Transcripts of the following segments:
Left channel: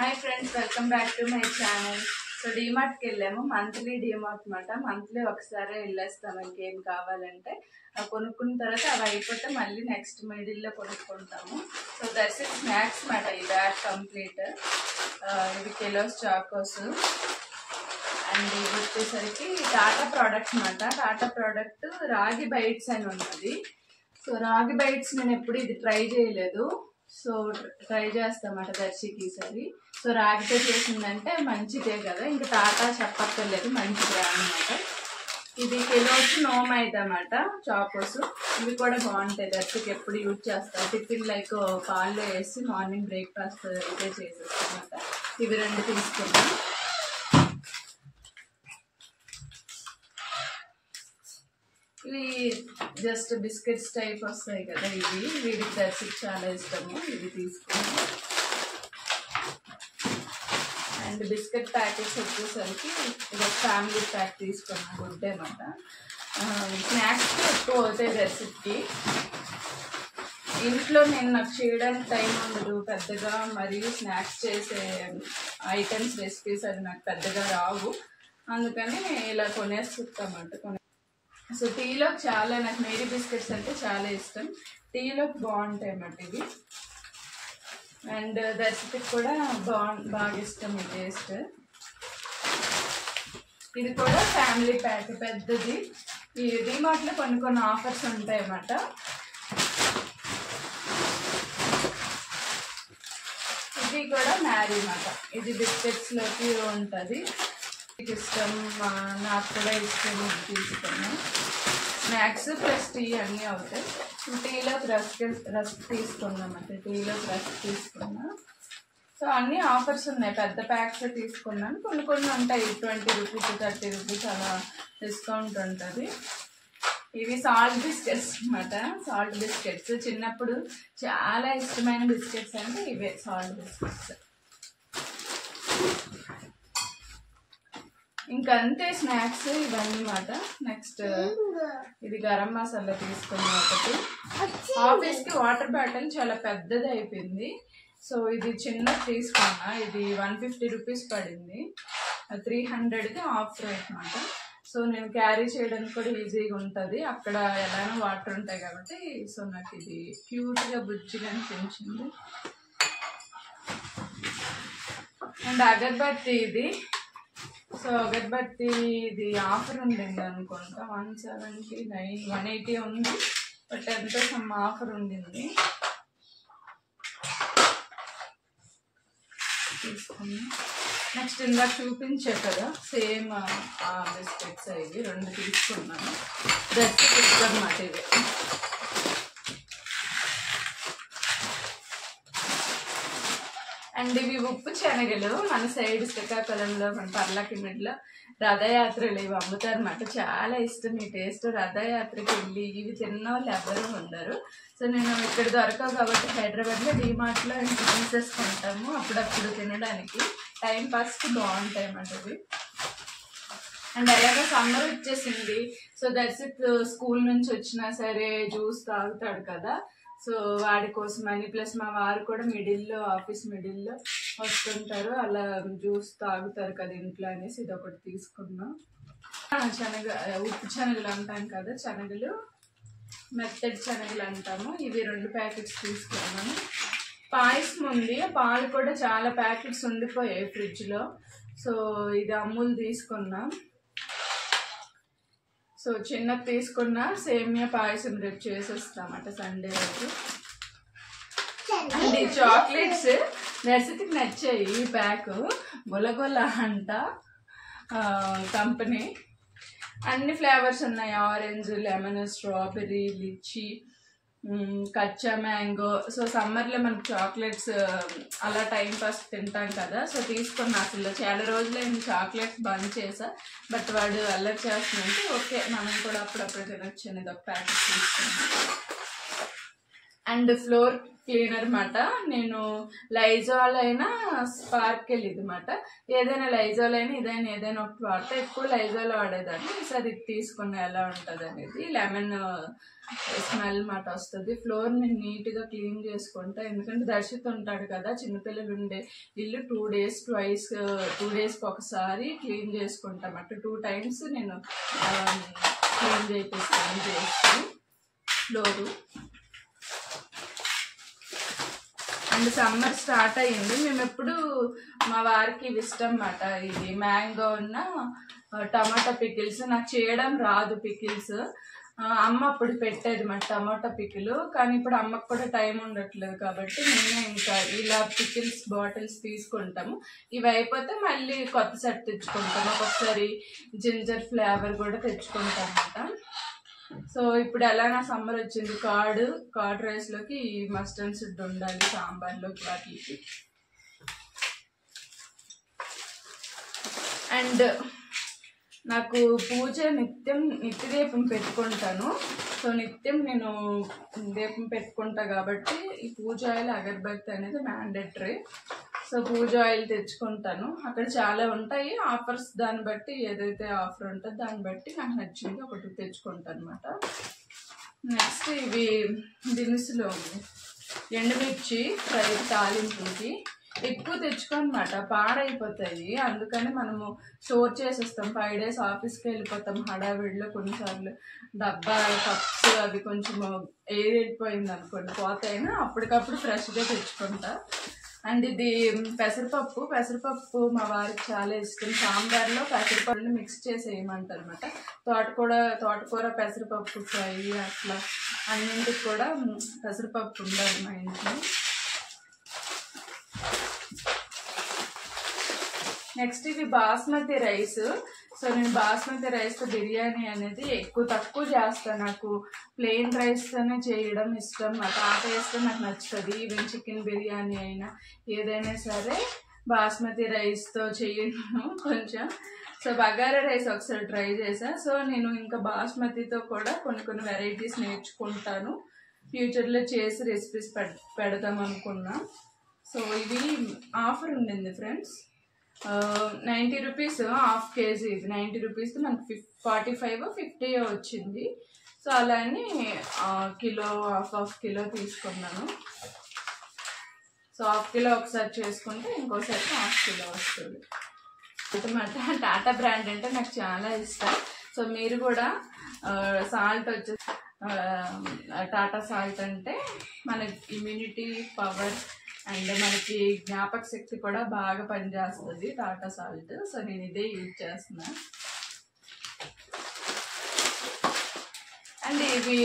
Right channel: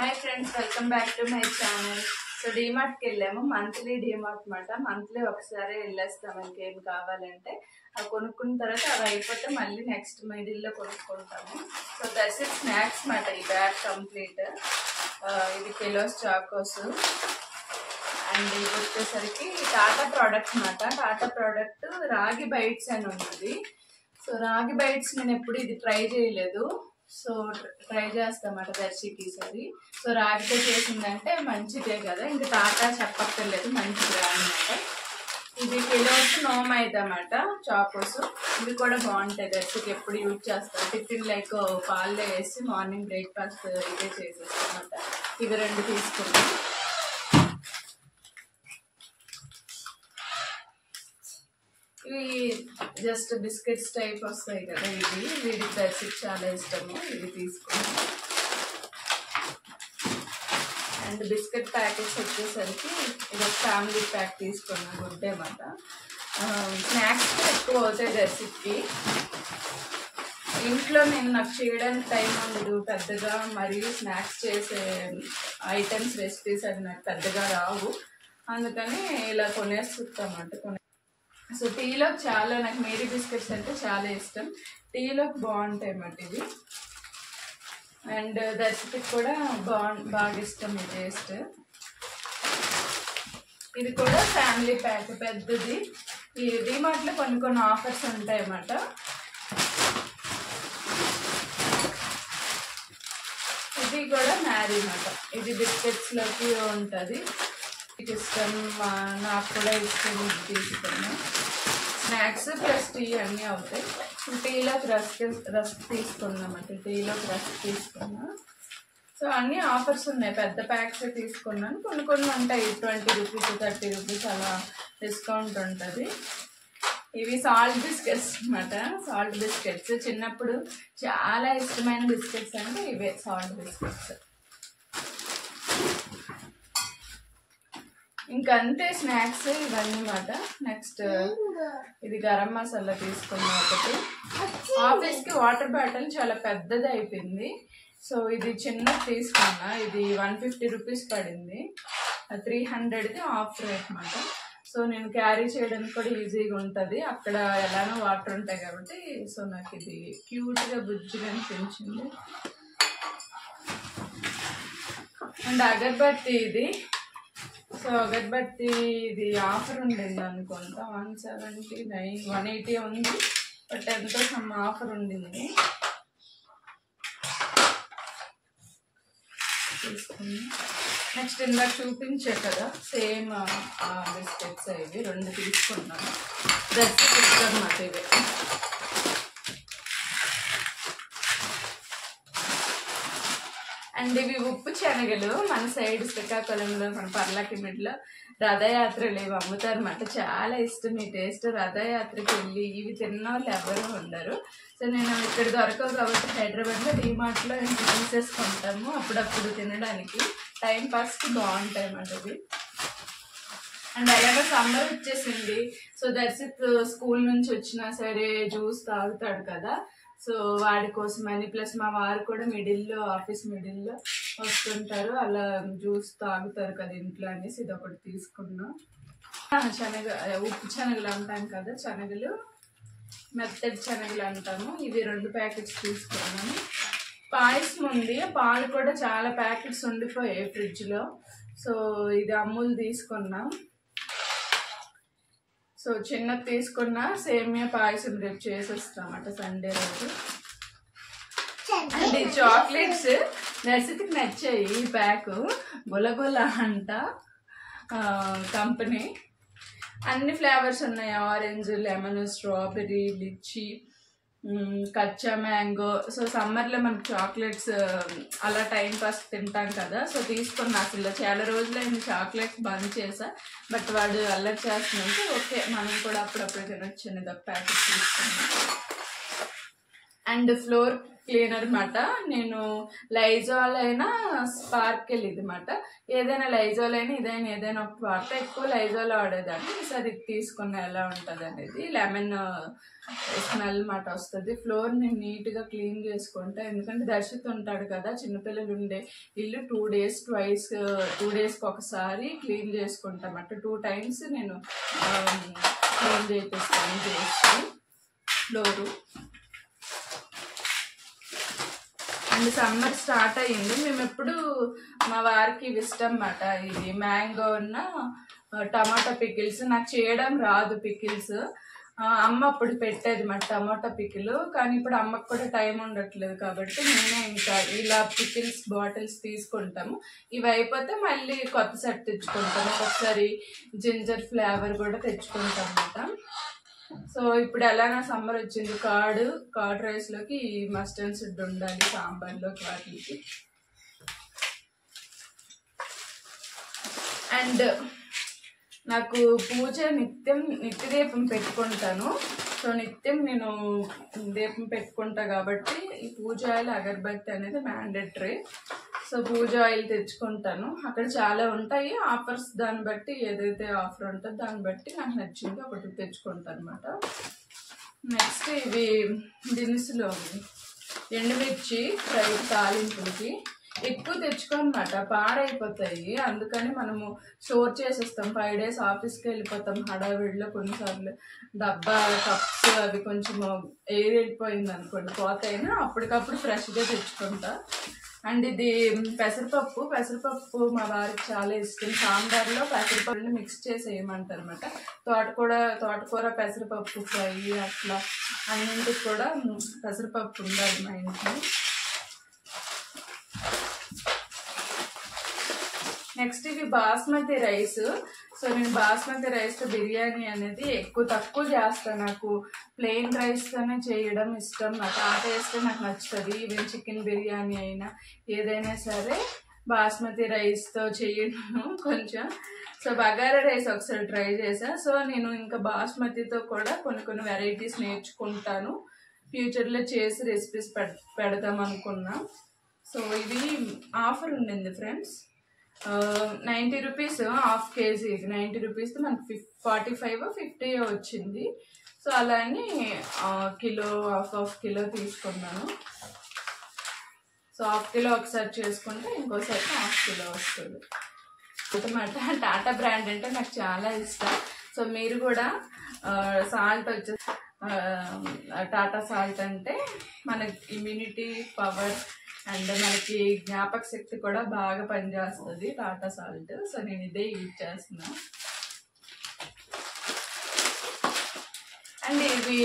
Hi friends, welcome back to my channel. So DMart కి వెళ్ళాము. Monthly DMart మాట. Monthly ఒకసారి వెళ్ళేస్తాం ఇంకేం కావాలంటే. అవి కొనుక్కున్న తర్వాత అవి అయిపోతే మళ్ళీ నెక్స్ట్ మిడిల్లో కొనుక్కుంటాము. సో దట్స్ ఇట్ స్నాక్స్ మాట. ఈ బ్యాగ్ కంప్లీట్. ఇది కిలోస్ చాకోస్ అండ్ ఇది వచ్చేసరికి టాటా ప్రోడక్ట్ మాట. టాటా ప్రోడక్ట్ రాగి బైట్స్ అని ఉన్నది. సో రాగి బైట్స్ నేను ఎప్పుడు ఇది ట్రై చేయలేదు. సో ట్రై చేస్తామాట దర్శికి ఈసారి. సో రాగితో చేసిందంటే మంచిదే కదా, ఇంకా టాటా చెప్పక్కర్లేదు, మంచిదే అన్నమాట. ఇది కిలోస్ నోమైదా అన్నమాట చాకోస్. ఇవి కూడా బాగుంటాయి. దర్శికి ఎప్పుడు యూజ్ చేస్తాను. టిఫిన్ లైక్ పాల్లో వేసి మార్నింగ్ బ్రేక్ఫాస్ట్ ఇదే చేసేస్తామన్నమాట. ఇవి రెండు తీసుకున్నాం. ఇవి జస్ట్ బిస్కెట్స్ టైప్ వస్తాయి కదా, ఇవి వీడికి దర్శికి చాలా ఇష్టము. ఇవి తీసుకున్నాం. అండ్ బిస్కెట్ ప్యాకెట్స్ వచ్చేసరికి ఇది ఒక ఫ్యామిలీ ప్యాక్ తీసుకున్నాం. గుడ్ అన్నమాట. స్నాక్స్ ఎక్కువ అవుతాయి దర్శికి. ఇంట్లో నాకు చేయడానికి టైం ఉండదు పెద్దగా, మరియు స్నాక్స్ చేసే ఐటమ్స్ రెసిపీస్ అది నాకు పెద్దగా రావు. అందుకని ఇలా కొనేస్తామంట. సో టీలోకి చాలా నాకు మేరీ బిస్కెట్స్ అంటే చాలా ఇష్టం. టీలోకి బాగుంటాయి అన్నమాట ఇవి. అండ్ దర్శికి కూడా బాగా ఇష్టం ఈ టేస్ట్. ఇది కూడా ఫ్యామిలీ ప్యాక్ పెద్దది. ఈ డిమార్ట్లో కొన్ని ఆఫర్స్ ఉంటాయి అన్నమాట. ఇది కూడా మ్యారీ అన్నమాట. ఇది బిస్కెట్స్లోకి ఉంటుంది. ఇష్టం, నాకు కూడా ఇష్టం. ఇది తీసుకున్నాం. స్నాక్స్ ప్లస్ టీ అన్నీ అవుతాయి. టీలోకి రస్క్ తీసుకున్నామంటే టీలోకి రస్క్ తీసుకున్నా. సో అన్నీ ఆఫర్స్ ఉన్నాయి. పెద్ద ప్యాక్స్ తీసుకున్నాను. కొన్ని ఉంటాయి 20 రూపీస్ 30 రూపీస్ అలా డిస్కౌంట్ ఉంటుంది. ఇవి సాల్ట్ బిస్కెట్స్ అన్నమాట. సాల్ట్ బిస్కెట్స్ చిన్నప్పుడు చాలా ఇష్టమైన బిస్కెట్స్ అంటే ఇవే సాల్ట్ బిస్కెట్స్. ఇంకంతే స్నాక్స్ ఇవన్నీ మాట. నెక్స్ట్ ఇది గరం మసాలా తీసుకున్నా ఒకటి. ఆఫీస్కి వాటర్ బాటిల్ చాలా పెద్దది అయిపోయింది. సో ఇది చిన్నది తీసుకున్నా. ఇది 150 రూపీస్ పడింది. 300కి ఆఫ్ రేట్ అన్నమాట. సో నేను క్యారీ చేయడానికి కూడా ఈజీగా ఉంటుంది. అక్కడ ఎలానో వాటర్ ఉంటాయి కాబట్టి. సో నాకు ఇది క్యూట్గా బుజ్జిగా అనిపించింది. అండ్ అగర్బత్తి ఇది. సో అగర్బత్తి ఇది ఆఫర్ ఉండింది అనుకుంటా. 179 180 ఉంది. బట్ ఎంతో సమ్ ఆఫర్ ఉండింది. తీసుకున్నా. నెక్స్ట్ ఇందాక చూపించే కదా సేమ్ బిస్కెట్స్ ఇవి రెండు తీసుకున్నాను. దర్శకి ఇష్టం మాట ఇవి. అండ్ ఇవి ఉప్పు శనగలు. మన సైడ్ శ్రీకాకుళంలో మన పర్లాకిమిడిలో రథయాత్రలు ఇవి అమ్ముతారన్నమాట. చాలా ఇష్టం ఈ టేస్ట్. రథయాత్రకి వెళ్ళి ఇవి తిన్న వాళ్ళు ఎవరు ఉండరు. సో నేను ఇక్కడ దొరకవు కాబట్టి హైదరాబాద్లో డిమార్ట్లో ఇంటి తీసేసుకుంటాము అప్పుడప్పుడు తినడానికి. టైం పాస్కి బాగుంటాయి అన్నమాట ఇవి. అండ్ అలాగే సమ్మర్ వచ్చేసింది. సో దర్శిత్ స్కూల్ నుంచి వచ్చినా సరే జ్యూస్ తాగుతాడు కదా. సో వాడి కోసమని, ప్లస్ మా వారు కూడా మిడిల్లో ఆఫీస్ మిడిల్లో వస్తుంటారు, అలా జ్యూస్ తాగుతారు కదా ఇంట్లో అనేసి ఇది ఒకటి తీసుకున్నాం. ఉప్పు శనగలు అంటాం కదా, శనగలు మెత్తటి శనగలు అంటాము. ఇవి 2 ప్యాకెట్స్ తీసుకున్నాము. పాయసం ఉంది. పాలు కూడా చాలా ప్యాకెట్స్ ఉండిపోయాయి ఫ్రిడ్జ్లో. సో ఇది అమూల్ తీసుకున్నాం. సో చిన్నది తీసుకున్న సేమియా పాయసం రేపు చేసేస్తామట సండే రోజు. అండ్ ఈ చాక్లెట్స్ దర్శికి నచ్చాయి. ఈ ప్యాక్ గొలగొల అంట కంపెనీ. అన్ని ఫ్లేవర్స్ ఉన్నాయి. ఆరెంజ్, లెమన్, స్ట్రాబెర్రీ, లిచ్చి, కచ్చా మ్యాంగో. సో సమ్మర్లో మనకు చాక్లెట్స్ అలా టైం పాస్ తింటాం కదా. సో తీసుకున్నా. అసలు చాలా రోజులైంది చాక్లెట్స్ బంద్ చేసా. బట్ వాడు అల్లరి చేస్తున్నట్టు ఓకే మనం కూడా అప్పుడప్పుడు తినొచ్చు అనేది ఒక ప్యాకెట్ తీసుకున్నాం. అండ్ క్లీనర్ మాట. నేను లైజాల్ అయినా స్పార్కెల్ ఇది మాట. ఏదైనా లైజాల్ అయినా ఇదైనా ఏదైనా ఒకటి వాడితే ఎక్కువ లైజాల్ వాడేదాన్ని. ఈసారి ఇది తీసుకున్న ఎలా ఉంటుంది అనేది. లెమన్ స్మెల్ మాట వస్తుంది. ఫ్లోర్ నేను నీట్గా క్లీన్ చేసుకుంటా. ఎందుకంటే దర్శిత్ ఉంటాడు కదా, చిన్నపిల్లలు ఉండే ఇల్లు 2 days ట్వైస్ 2 daysకి ఒకసారి క్లీన్ చేసుకుంటామట. 2 times నేను క్లీన్ చేపిస్తాను చేసి ఫ్లోరు. అండ్ సమ్మర్ స్టార్ట్ అయ్యింది. మేము ఎప్పుడు మా వారికి ఇష్టం అన్నమాట ఇది మ్యాంగో ఉన్న టమాటా పికిల్స్. నాకు చేయడం రాదు పికిల్స్. అమ్మ అప్పుడు పెట్టేది మా టమాటా పికిల్. కానీ ఇప్పుడు అమ్మకు కూడా టైం ఉండట్లేదు కాబట్టి నేనే ఇంకా ఇలా పికిల్స్ బాటిల్స్ తీసుకుంటాము. ఇవి అయిపోతే మళ్ళీ కొత్త సెట్ తెచ్చుకుంటాము. ఒక్కొక్కసారి జింజర్ ఫ్లేవర్ కూడా తెచ్చుకుంటాం అన్నమాట. సో ఇప్పుడు ఎలా నా సమ్మర్ వచ్చింది, కర్డ్ రైస్లోకి మస్టర్డ్ సీడ్ ఉండాలి, సాంబార్లోకి వాటికి. అండ్ నాకు పూజ నిత్య దీపం పెట్టుకుంటాను. సో నిత్యం నేను దీపం పెట్టుకుంటా కాబట్టి ఈ పూజ ఆయిల్ అగరబత్తి అనేది మ్యాండేటరీ. సో పూజ ఆయిల్ తెచ్చుకుంటాను. అక్కడ చాలా ఉంటాయి ఆఫర్స్, దాన్ని బట్టి ఏదైతే ఆఫర్ ఉంటుందో దాన్ని బట్టి నాకు నచ్చింది ఒకటి తెచ్చుకుంటాను అనమాట. నెక్స్ట్ ఇవి దినుసులు, ఎండుమిర్చి ఫ్రై తాలింపుకి ఎక్కువ తెచ్చుకోనమాట, పాడైపోతాయి. అందుకని మనము స్టోర్ చేసేస్తాం. 5 days ఆఫీస్కి వెళ్ళిపోతాం హడావిడిలో. కొన్నిసార్లు డబ్బా కప్స్ అవి కొంచెం ఎయిర్ వెళ్ళిపోయింది అనుకోండి, పోతాయినా అప్పటికప్పుడు ఫ్రెష్గా తెచ్చుకుంటా. అండ్ ఇది పెసరపప్పు మా వారికి చాలా ఇష్టం. సాంబార్లో పెసరపప్పుని మిక్స్ చేసి వేయమంటారు అనమాట. తోటకూర పెసరపప్పు ఫ్రై అట్లా అన్నింటికి కూడా పెసరపప్పు ఉండాలి మా ఇంట్లో. నెక్స్ట్ ఇవి బాస్మతి రైస్. సో నేను బాస్మతి రైస్తో బిర్యానీ అనేది తక్కువ చేస్తాను. నాకు ప్లెయిన్ రైస్తోనే చేయడం ఇష్టం. నాకు ఆ టేస్ట్ నాకు నచ్చుతుంది. ఈవెన్ చికెన్ బిర్యానీ అయినా ఏదైనా సరే బాస్మతి రైస్తో చేయను కొంచెం. సో బగారా రైస్ ఒకసారి ట్రై చేసా. సో నేను ఇంకా బాస్మతితో కూడా కొన్ని వెరైటీస్ నేర్చుకుంటాను. ఫ్యూచర్లో చేసి రెసిపీస్ పెడదాం అనుకున్నా. సో ఇవి ఆఫర్ ఉండింది ఫ్రెండ్స్. 90 rupees ½ kg. ఇది 90 rupees మనకు 45 50 వచ్చింది. సో అలా అని కిలో హాఫ్ కిలో తీసుకున్నాను. సో ½ kilo ఒకసారి చేసుకుంటే ఇంకోసారి ½ kilo వస్తుంది అనమాట. టాటా బ్రాండ్ అంటే నాకు చాలా ఇష్టం. సో మీరు కూడా సాల్ట్ వచ్చేసి టాటా సాల్ట్ అంటే మనకి ఇమ్యూనిటీ పవర్ అండ్ మనకి జ్ఞాపక శక్తి కూడా బాగా పనిచేస్తుంది టాటా సాల్ట్. సో నేను ఇదే యూజ్ చేస్తున్నా. అండ్ ఇవి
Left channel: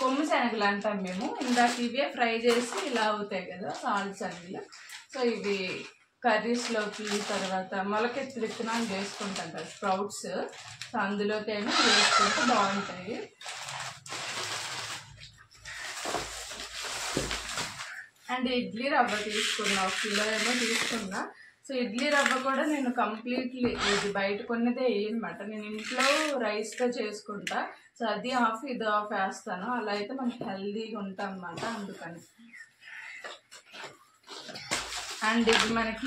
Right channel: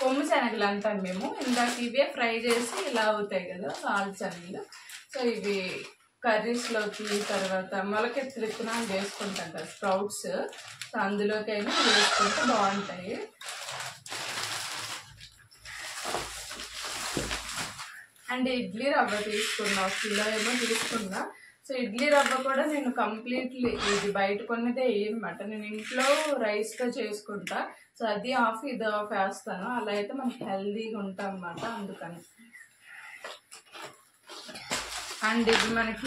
కొమ్ము శనగలు అంటాం మేము. ఇందాక ఇవే ఫ్రై చేసి ఇలా అవుతాయి కదా సాల్ట్ శనగలు. సో ఇవి కర్రీస్లోకి, తర్వాత మొలకెత్తి విత్తనాలు వేసుకుంటాం కదా స్ప్రౌట్స్. సో అందులోకి ఏమో వేసుకుంటే బాగుంటాయి. అండ్ ఇడ్లీ రవ్వ తీసుకున్నా, 1 kilo ఏమో తీసుకున్నా. సో ఇడ్లీ రవ్వ కూడా నేను కంప్లీట్లీ ఇది బయట కొన్నదే వేయనమాట. నేను ఇంట్లో రైస్తో చేసుకుంటా. సో అది ఆఫ్ ఇది ఆఫ్ వేస్తాను. అలా అయితే మనకి హెల్దీగా ఉంటాం అన్నమాట. అందుకని అండ్ ఇది మనకి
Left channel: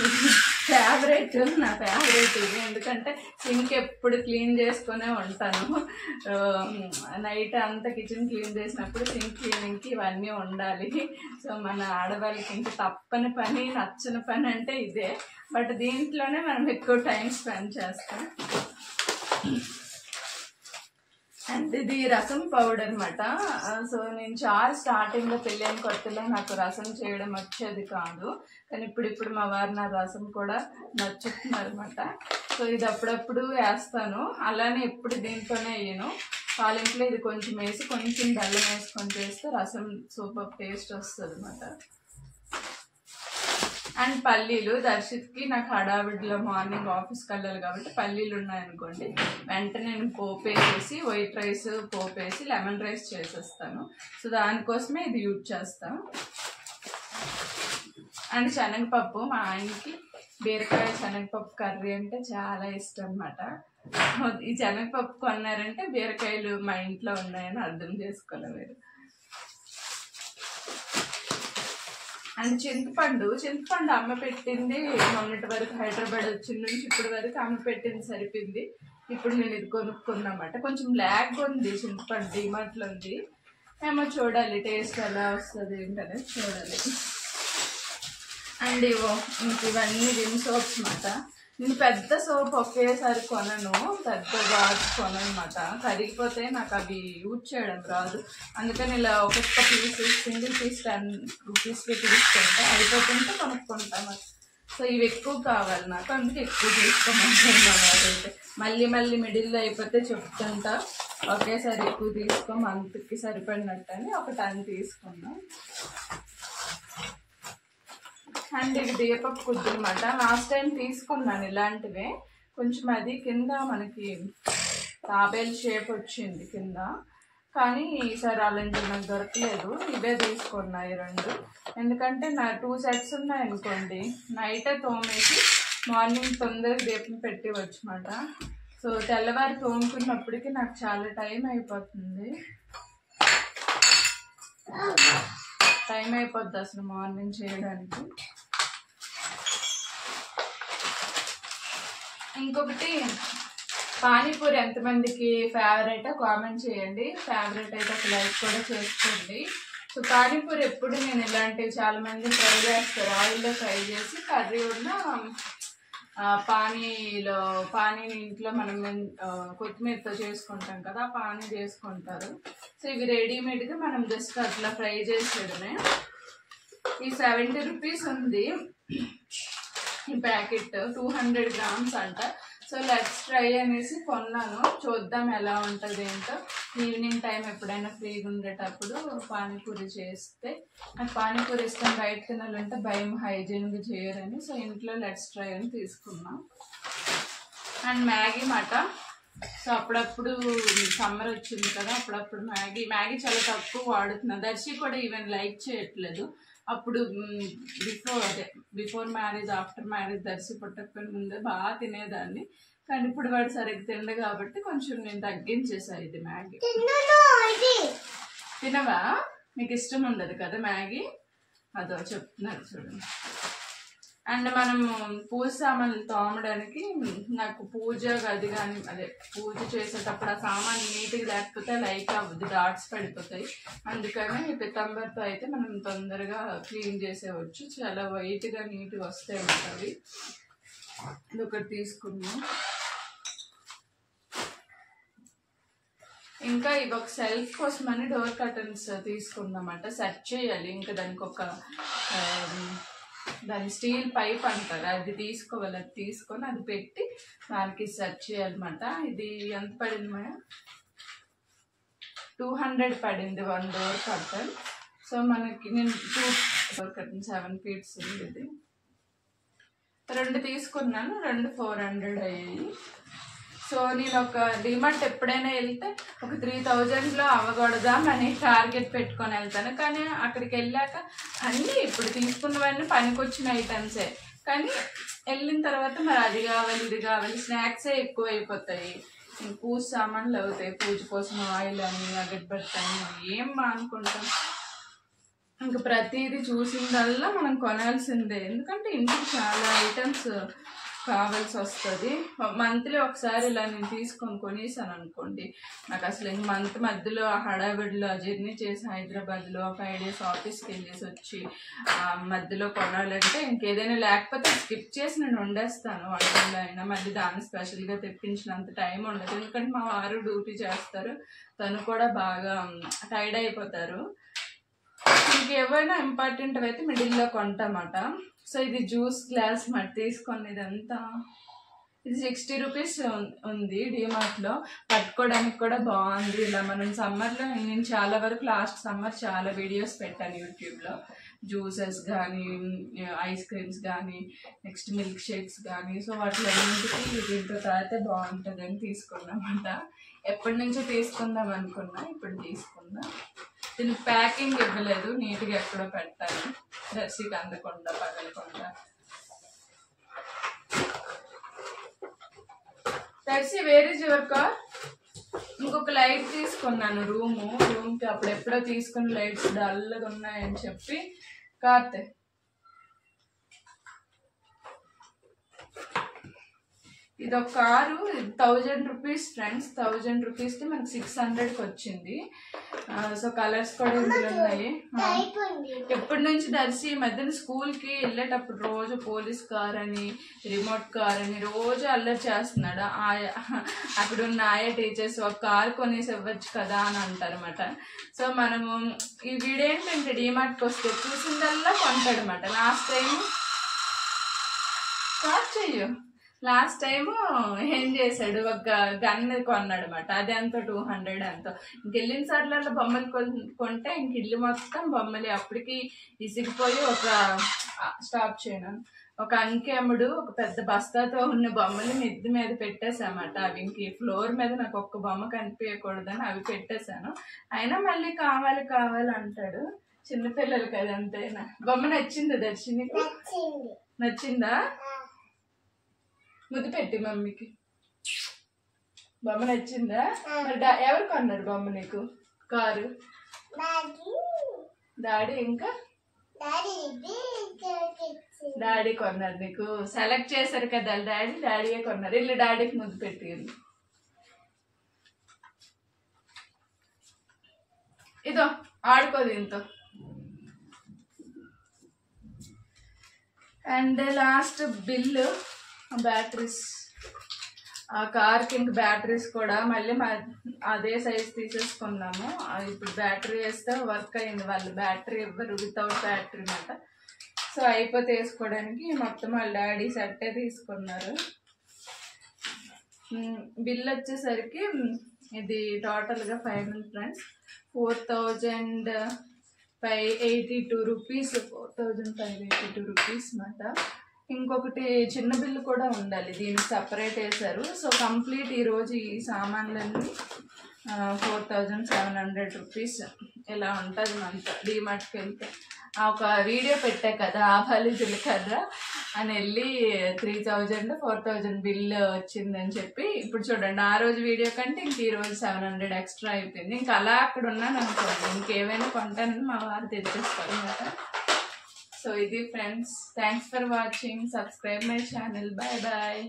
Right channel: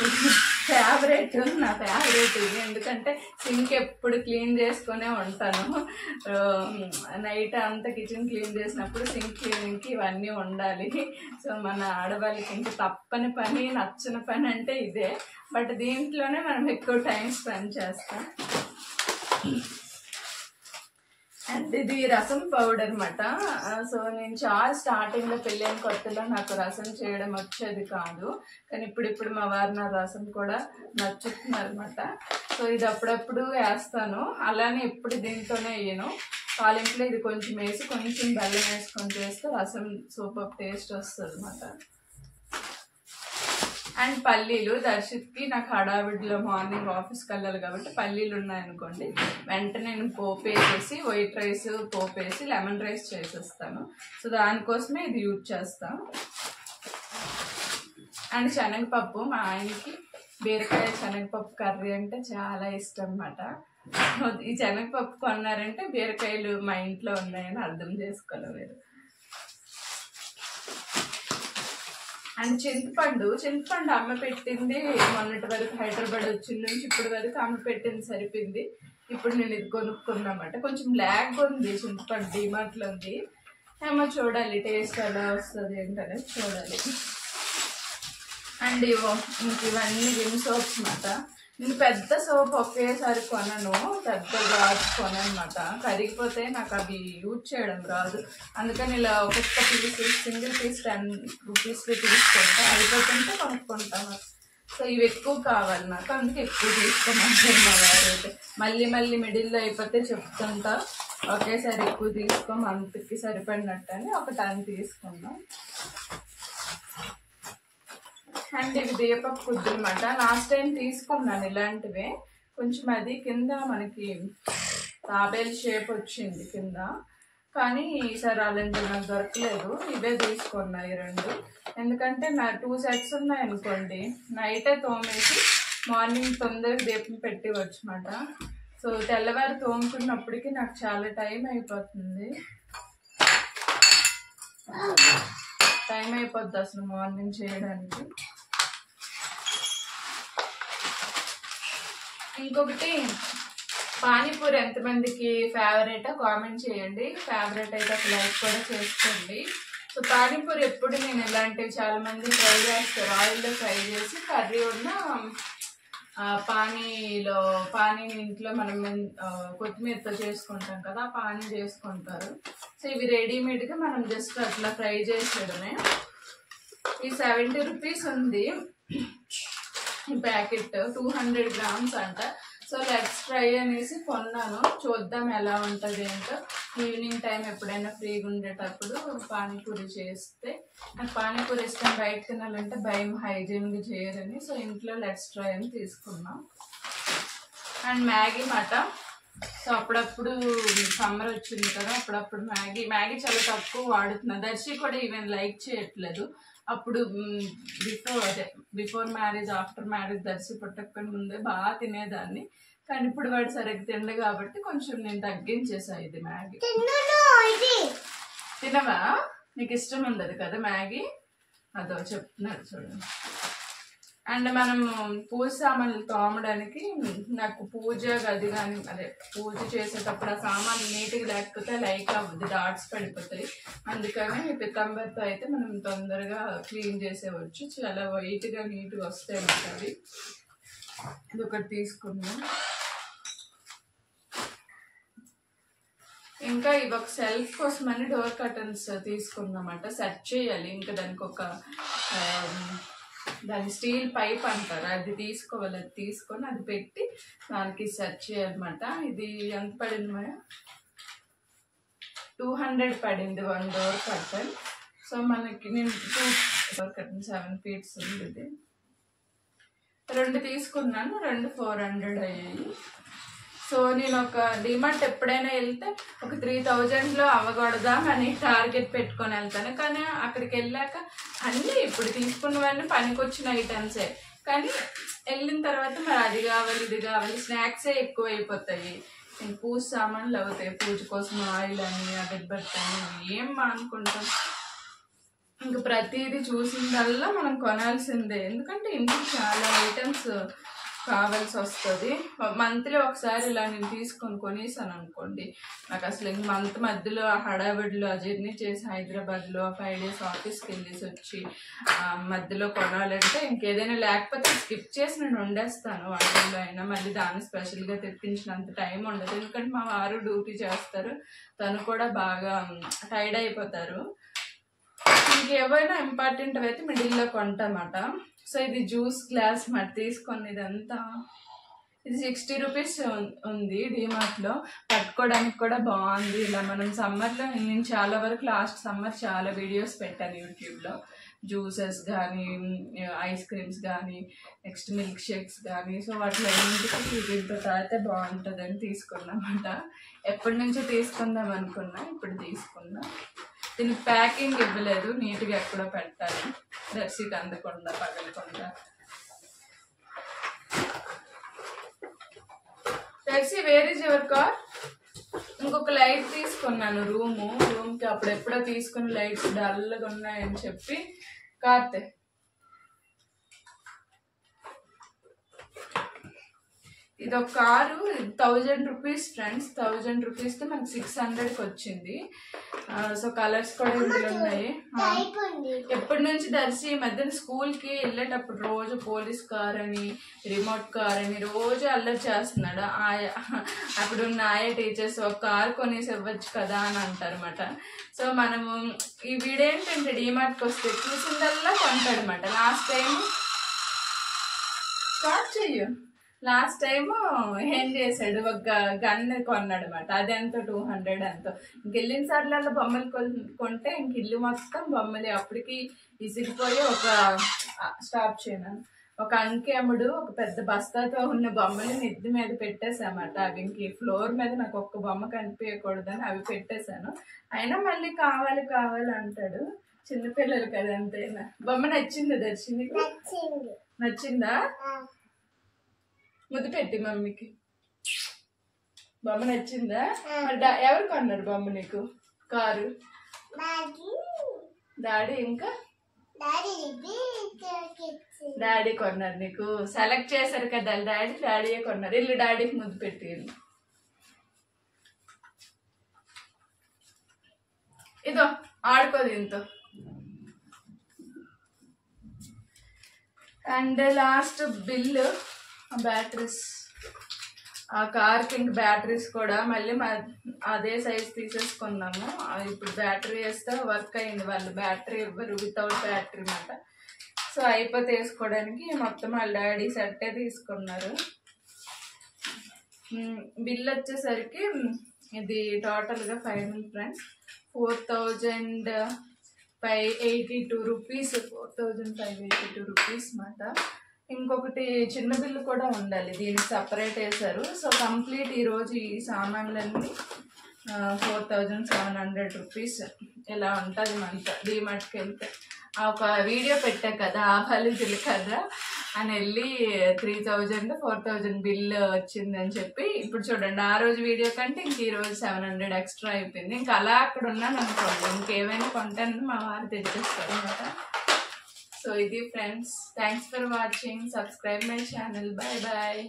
నా ఫేవరెట్ ఇది. ఎందుకంటే సింక్ ఎప్పుడు క్లీన్ చేసుకునే ఉంటాను. నైట్ అంతా కిచెన్ క్లీన్ చేసినప్పుడు సింక్ క్లీనింగ్కి ఇవన్నీ ఉండాలి. సో మన ఆడవాళ్ళకి ఇంకా తప్పని పని, నచ్చని పని అంటే ఇదే. బట్ దీంట్లోనే మనం ఎక్కువ టైం స్పెండ్ చేస్తాం. అండ్ ఇది రసం పౌడర్ అన్నమాట. సో నేను చాలా స్టార్టింగ్లో పెళ్ళైన కొత్తలో నాకు రసం చేయడం వచ్చేది కాదు. కానీ ఇప్పుడు మా వారు నా రసం కూడా నచ్చుతున్నారు అనమాట. సో ఇది అప్పుడప్పుడు వేస్తాను. అలానే ఎప్పుడు దీంతోనే వేయను. తాలింపులో ఇది కొంచెం వేసి కొంచెం బెల్లం వేసుకొని చేస్తే రసం సూపర్ టేస్ట్ వస్తుంది అన్నమాట. అండ్ పల్లీలు, దర్శిత్కి నాకు హడావిడిలో మార్నింగ్ ఆఫీస్కి వెళ్ళాలి కాబట్టి పల్లీలు ఉన్నాయనుకోండి వెంటనే నేను పోపేసేసి వైట్ రైస్ పోపేసి లెమన్ రైస్ చేసేస్తాను. సో దానికోసమే ఇది యూజ్ చేస్తాను. అండ్ శనగపప్పు, మా ఆయనకి బీరకాయ శనగపప్పు కర్రీ అంటే చాలా ఇష్టం అన్నమాట. ఈ శనగపప్పు కొన్నారంటే బీరకాయలు మా ఇంట్లో ఉన్నాయని అర్థం చేసుకోవాలి మీరు. అండ్ చింతపండు అమ్మ పెట్టింది మొన్నటి వరకు, హైదరాబాద్ వచ్చిన నుంచి ఇప్పటి వరకు అమ్మ పెట్టింది సరిపోయింది. ఇప్పుడు నేను ఇది కొనుక్కున్నమాట. కొంచెం బ్లాక్ ఉంది చింతపండు, డిమార్ట్లో ఉంది. ఏమో చూడాలి టేస్ట్ ఎలా వస్తుంది ఏంటనేది చూడాలి. అండ్ ఇవన్నీ విమ్ సోప్స్ అన్నమాట. నేను పెద్ద సోప్ ఒకేసారి కొనను, పెద్ద గాజు కొనమాట. కరిగిపోతే నాకు అవి యూజ్ చేయడం రాదు. అందుకని ఇలా ఒక్కొక్క పీస్, సింగిల్ పీస్ 10 రూపీస్ తీసుకుంటా, అయిపోతుంటే కొనుక్కుంటాను. సో ఇవి ఎక్కువ కావాలి నాకు, అందుకే ఎక్కువ తీసుకోమంటారు మా వారు అయితే. మళ్ళీ మిడిల్లో అయిపోతే చెప్తుంటా, ఒకేసారి ఎక్కువ తీసుకో, మంత్కి సరిపడినట్టు అని ఒక 10 తీసుకున్నాం. అండ్ ఇవి దీపపు కుద్దులు అన్నమాట. లాస్ట్ టైం తీసుకున్నాను ఇలాంటివే. కొంచెం అది కింద మనకి తాబేల్ షేప్ వచ్చింది కింద, కానీ ఈసారి అలాంటివి నాకు దొరకలేదు. ఇవే తీసుకున్నాయి 2. ఎందుకంటే నా 2 సెట్స్ ఉన్నాయి అనుకోండి, నైటే తోమేసి మార్నింగ్ తొందరగా దీపం పెట్టివచ్చు అన్నమాట. సో తెల్లవారి తోముకున్నప్పటికీ నాకు చాలా టైం అయిపోతుంది అసలు మార్నింగ్ చేయడానికి. ఇంకొకటి, పానీపూరి ఎంతమందికి ఫేవరెట్ కామెంట్ చేయండి. ఫేవరెట్ అయితే ఒక లైక్ కూడా చేసుకోండి. సో పానీపూరి ఎప్పుడు నేను ఇలాంటివి చాలా మంది ఫ్రై చేస్తారు, ఆయిల్లో ఫ్రై చేసి కర్రీ ఉన్న పానీని ఇంట్లో మనం కొత్తిమీరతో చేసుకుంటాం కదా, పానీ చేసుకుంటారు. సో ఇవి రెడీమేడ్గా మనం జస్ట్ అట్లా ఫ్రై చేసేయడమే. ఈ 70 రూపీస్ ఉంది ఈ ప్యాకెట్, 200 గ్రామ్స్ అంట. సో లెట్స్ ట్రై అనేసి కొన్నాను, చూద్దాం ఎలా ఉంటుంది ఏంటో. ఈవినింగ్ టైం ఎప్పుడైనా ఫ్రీగా ఉండేటప్పుడు పానీపూరి చేస్తే, నాకు పానీపూరి ఇష్టం, బయట తినాలంటే భయం హైజీన్గా చేయరని. సో ఇంట్లో లెట్స్ ట్రై అని తీసుకున్నాం. అండ్ మ్యాగీ మాట. సో అప్పుడప్పుడు సమ్మర్ వచ్చింది కదా, అప్పుడప్పుడు మ్యాగీ చాలా తక్కువ వాడుతున్నా. దర్శి కూడా ఈవెన్ లైక్ చేయట్లేదు. అప్పుడు before marriage, after marriage Darshi పుట్టకపోయిన ముందే బాగా తినేదాన్ని. కానీ ఇప్పుడు వాడు సరిగ్గా తిండు కాబట్టి కొంచెం నేను తగ్గించేసా. ఇది మ్యాగీ తినవా? నీకు ఇష్టం ఉండదు కదా మ్యాగీ? అదో చెప్తున్నాడు చూడండి. అండ్ మనము పూజ సామాన్లు తోమడానికి, నాకు పూజ గది కానీ అదే పూజ చేసేటప్పుడు ఆ సామాన్లు నీట్గా లేకపోతే లైక్ అవ్వదు, డాట్స్ పడిపోతాయి. అందుకని పితాంబర్తో అయితే మనం తొందరగా క్లీన్ చేసేవచ్చు, చాలా వైట్గా నీట్గా వస్తాయి అన్నమాట అవి. ఇది ఒకటి తీసుకున్నాం. ఇంకా ఇవి ఒక సెల్ఫ్ కోసమని డోర్ కర్టన్స్ తీసుకున్నామన్నమాట. సెట్ చేయాలి, ఇంకా దానికి ఒక దాని స్టీల్ పైప్ అంటారు, అది తీసుకోవాలి. అది తీసుకొని అది పెట్టి దానికి సెట్ చేయాలన్నమాట. ఇది ఎంత పడింది మేడం? 200 పడింది 1 డోర్ కర్టన్. సో మనకి నేను 2 డోర్ కర్టన్ 7 feet ఉంది. ఇది 2 తీసుకున్నాను, 2 400 అయ్యాయి. సో నేను ఒక డిమార్ట్ ఎప్పుడైనా వెళ్తే ఒక 3000లో అవ్వకూడదామని టార్గెట్ పెట్టుకొని వెళ్తాను. కానీ అక్కడికి వెళ్ళాక అన్నీ ఇప్పుడు తీసుకున్నవన్నీ పనికొచ్చిన ఐటమ్సే, కానీ వెళ్ళిన తర్వాత మరి అది కావాలి ఇది కావాలి, స్నాక్సే ఎక్కువ అయిపోతాయి. ఇంక పూజ సామాన్లు అవుతాయి, పూజ కోసం ఆయిల్ అని అగరబత్తి అని ఏం అనుకుంటాం. ఇంక ప్రతిదీ చూసిందల్లా మనం కొనాల్సిందే, ఎందుకంటే ఇంటికి చాలా ఐటమ్స్ కావాల్సి వస్తుంది. మంత్లీ ఒకసారి ఇలా నేను తీసుకొని కొనేసాను అనుకోండి, నాకు అసలు ఇంక మంత్ మధ్యలో ఆ హడావిడిలో జర్నీ చేసి హైదరాబాద్లో 5 days ఆఫీస్కి వెళ్ళేసి వచ్చి మధ్యలో కొనాలంటే ఇంకేదైనా లేకపోతే స్కిప్ చేసి నేను వండేస్తాను వంటల్లో అయినా. మళ్ళీ దాన్ని స్పెషల్గా తెప్పించినంత టైం ఉండదు, ఎందుకంటే మా వారు డ్యూటీ చేస్తారు, తను కూడా బాగా టైర్డ్ అయిపోతారు. ఇంకేమైనా ఇంపార్టెంట్ అయితే మిడిల్లో కొంటామాట. సో ఇది జ్యూస్ గ్లాస్ మరి తీసుకొని ఇదంతా, ఇది 60 రూపీస్ ఉంది డిమార్ట్లో. పట్టుకోవడానికి కూడా బాగుంది. ఇలా మనం సమ్మర్లో, నేను చాలా వరకు లాస్ట్ సమ్మర్ చాలా వీడియోస్ పెట్టాను యూట్యూబ్లో, జ్యూసెస్ కానీ ఐస్ క్రీమ్స్ కానీ నెక్స్ట్ మిల్క్ షేక్స్ కానీ. సో వాటిలో ఇంటికి దీంతో తాగితే బాగుంటుందని తీసుకున్నామాట. ఎప్పటి నుంచో తీసుకుందాం అనుకున్నా, ఇప్పుడు తీసుకున్నా. దీనికి ప్యాకింగ్ ఇవ్వలేదు, నీట్గా ఎక్కడో పెట్టాలి, దర్శికి అందకుండా పగలకుండా. Darshi where is your car? ఇంకొక లైట్ తీసుకున్నాను రూమ్కి, అప్పుడు ఎప్పుడో తీసుకున్న లైట్స్ డల్గా ఉన్నాయని చెప్పి. కార్తే ఇది ఒక కారు 1000 రూపీస్ ఫ్రెండ్స్. 1000 రూపీస్కి మనకు 600కి వచ్చింది. సో కలర్స్ కూడా ఇందులో ఉన్నాయి. ఎప్పటి నుంచి దర్శి ఈ మధ్యన స్కూల్కి వెళ్ళేటప్పుడు రోజు పోలీస్ కార్ అని రిమోట్ కార్ అని రోజు అల్లరి చేస్తున్నాడు. అక్కడ ఉన్న ఆయా టీచర్స్ ఒక కార్ కొనేసి ఇవ్వచ్చు కదా అని అంటారన్నమాట. సో మనము ఈ వీడేంటంటే డీమార్ట్కి వస్తే చూసిందల్లా కొంటాడనమాట. లాస్ట్ టైము ఏం చేశాడు, ఒక గన్ కొన్నాడు అనమాట. అది ఎంతో 200 ఎంతో. ఇంకెళ్ళిన సార్లలో బొమ్మలు కొంటే ఇంక ఇల్లు మొత్తం బొమ్మలే. అప్పటికి ఇసిగిపోయి ఒక స్టాప్ చేయను. ఒక అంకెముడు ఒక పెద్ద బస్తాతో ఉన్న బొమ్మలు మిద్ది మీద పెట్టేసామట. అవి ఇంక ఫ్లోర్ మీద నాకు ఒక్క బొమ్మ కనిపించకూడదని అవి పెట్టేశాను. అయినా మళ్ళీ కావాలి కావాలి అంటాడు. చిన్నపిల్లలు కదా అంతేనా. బొమ్మ నచ్చిందా దర్శినికి? నచ్చిందా? ముద్దు పెట్టి మమ్మీకి. బొమ్మ నచ్చిందా? మరి ఎవరు కొన్నారు బొమ్మ నీకు? Car daddy. ఇంకా డాడీ కొన్నారు నీకు. సెలెక్ట్ చేశారు కదా డాడీయే కొన్నారు. ఇల్లు డాడీకి ముద్దు పెట్టి. ఇదో ఆడుకో దీంతో. And last bill batteries. ఆ కార్కి ఇంక బ్యాటరీస్ కూడా మళ్ళీ అదే సైజ్ తీసేసుకున్నాము. ఇప్పుడు బ్యాటరీ వేస్తే వర్క్ అయింది. వాళ్ళు బ్యాటరీ ఇవ్వరు, వితౌట్ బ్యాటరీ అన్నమాట. సో అయిపోతే వేసుకోవడానికి మొత్తం వాళ్ళ డాడీ సెట్టే తీసుకున్నారు. బిల్ వచ్చేసరికి ఇది టోటల్గా ఫైనల్ ఫ్రెండ్స్ 4582 రూపీస్. 4582 రూపీస్ అన్నమాట. ఇంకొకటి చిన్న బిల్లు కూడా ఉండాలి, దీనికి సపరేట్ వేశారు. సో కంప్లీట్ ఈరోజు ఈ సామాన్లన్నీ 4700 రూపీస్ ఇలా ఉంటుంది మంత. డీమార్ట్కి వెళ్తే ఒక వీడియో పెట్టా కదా ఆవాలు జీలకర్ర అని వెళ్ళి 3000 4000 బిల్ వచ్చిందని చెప్పి. ఇప్పుడు చూడండి ఆ రోజు వీడియో కంటే ఇంక ఈరోజు 700 ఎక్స్ట్రా అయిపోయింది. ఇంకా అలా అక్కడ ఉన్నాను అనుకోండి, ఇంకేమైనా కొంటానని మా వారు తెచ్చేస్తారు అన్నమాట. So, this friends, thanks for watching. Subscribe my channel. Bye bye.